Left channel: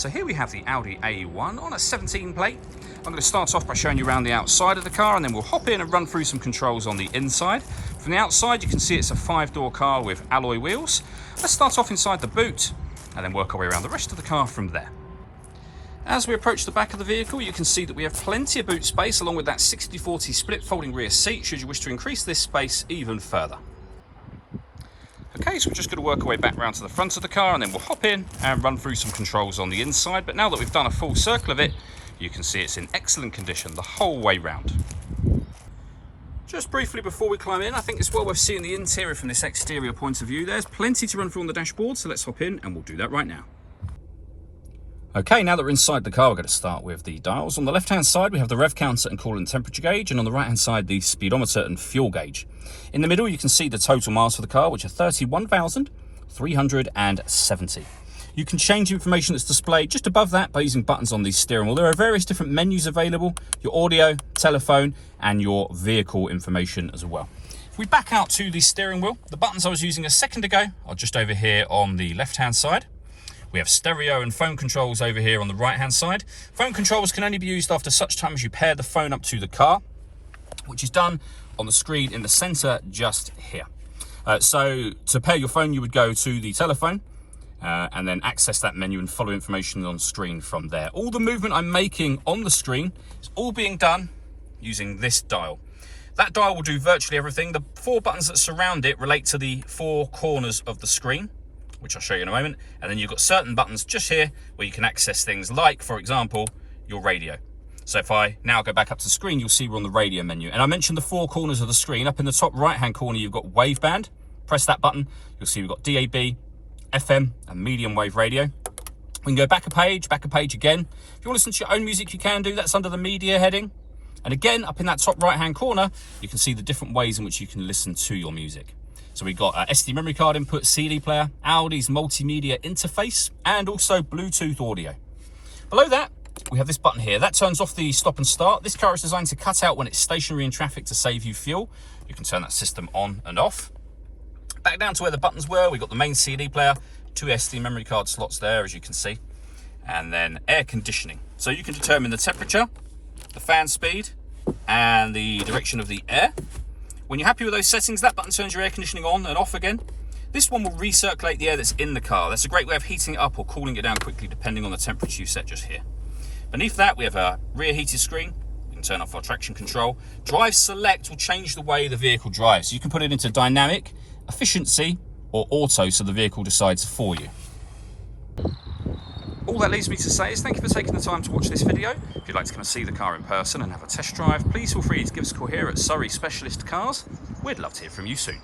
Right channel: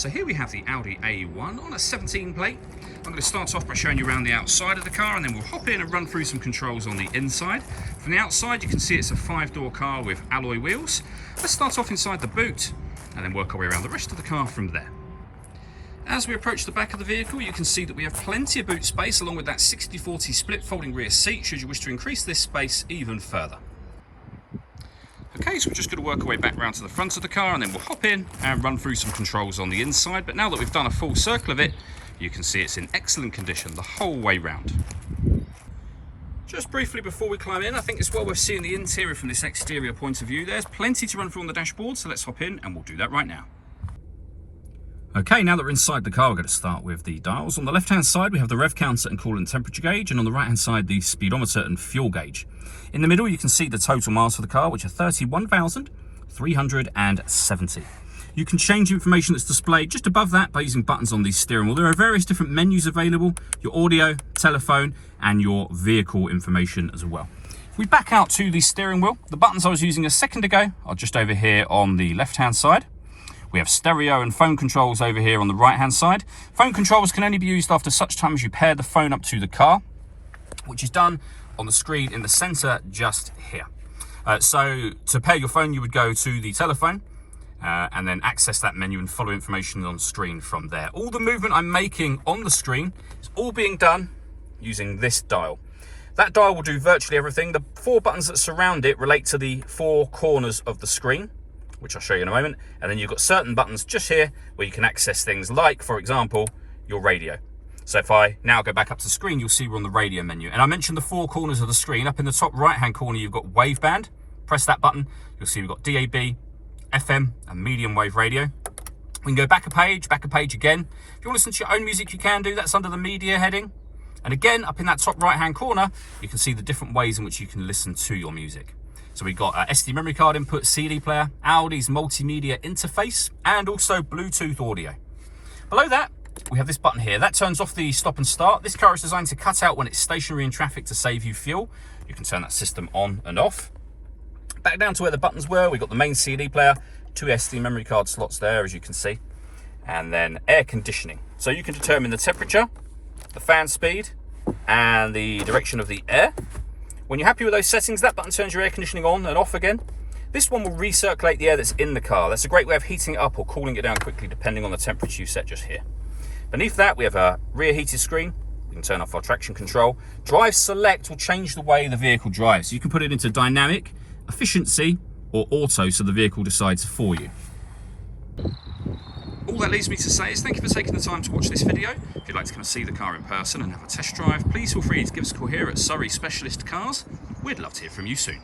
So here we have the Audi A1 on a 17 plate. I'm going to start off by showing you around the outside of the car, and then we'll hop in and run through some controls on the inside. From the outside you can see it's a 5-door car with alloy wheels. Let's start off inside the boot and then work our way around the rest of the car from there. As we approach the back of the vehicle, you can see that we have plenty of boot space along with that 60/40 split folding rear seat should you wish to increase this space even further. Okay, so we're just going to work our way back round to the front of the car and then we'll hop in and run through some controls on the inside. But now that we've done a full circle of it, you can see it's in excellent condition the whole way round. Just briefly before we climb in, I think it's well worth seeing the interior from this exterior point of view. There's plenty to run through on the dashboard, so let's hop in and we'll do that right now. Okay, now that we're inside the car, we're going to start with the dials. On the left-hand side, we have the rev counter and coolant temperature gauge, and on the right-hand side, the speedometer and fuel gauge. In the middle, you can see the total miles for the car, which are 31,370. You can change the information that's displayed just above that by using buttons on the steering wheel. There are various different menus available, your audio, telephone, and your vehicle information as well. If we back out to the steering wheel, the buttons I was using a second ago are just over here on the left-hand side. We have stereo and phone controls over here on the right-hand side. Phone controls can only be used after such time as you pair the phone up to the car, which is done on the screen in the center just here. So to pair your phone, you would go to the telephone and then access that menu and follow information on screen from there. All the movement I'm making on the screen is all being done using this dial. That dial will do virtually everything. The 4 buttons that surround it relate to the 4 corners of the screen, which I'll show you in a moment. And then you've got certain buttons just here where you can access things like, for example, your radio. So if I now go back up to the screen, you'll see we're on the radio menu. And I mentioned the 4 corners of the screen. Up in the top right-hand corner, you've got waveband. Press that button. You'll see we've got DAB, FM, and medium wave radio. We can go back a page again. If you want to listen to your own music, you can do. That's under the media heading. And again, up in that top right-hand corner, you can see the different ways in which you can listen to your music. So we've got SD memory card input, CD player, Audi's multimedia interface, and also Bluetooth audio. Below that, we have this button here. That turns off the stop and start. This car is designed to cut out when it's stationary in traffic to save you fuel. You can turn that system on and off. Back down to where the buttons were, we've got the main CD player, 2 SD memory card slots there, as you can see, and then air conditioning. So you can determine the temperature, the fan speed, and the direction of the air. When you're happy with those settings, that button turns your air conditioning on and off again. This one will recirculate the air that's in the car. That's a great way of heating it up or cooling it down quickly, depending on the temperature you set just here. Beneath that, we have a rear heated screen. We can turn off our traction control. Drive select will change the way the vehicle drives. So you can put it into dynamic, efficiency, or auto, so the vehicle decides for you. All that leaves me to say is thank you for taking the time to watch this video. If you'd like to come and see the car in person and have a test drive, please feel free to give us a call here at Surrey Specialist Cars. We'd love to hear from you soon.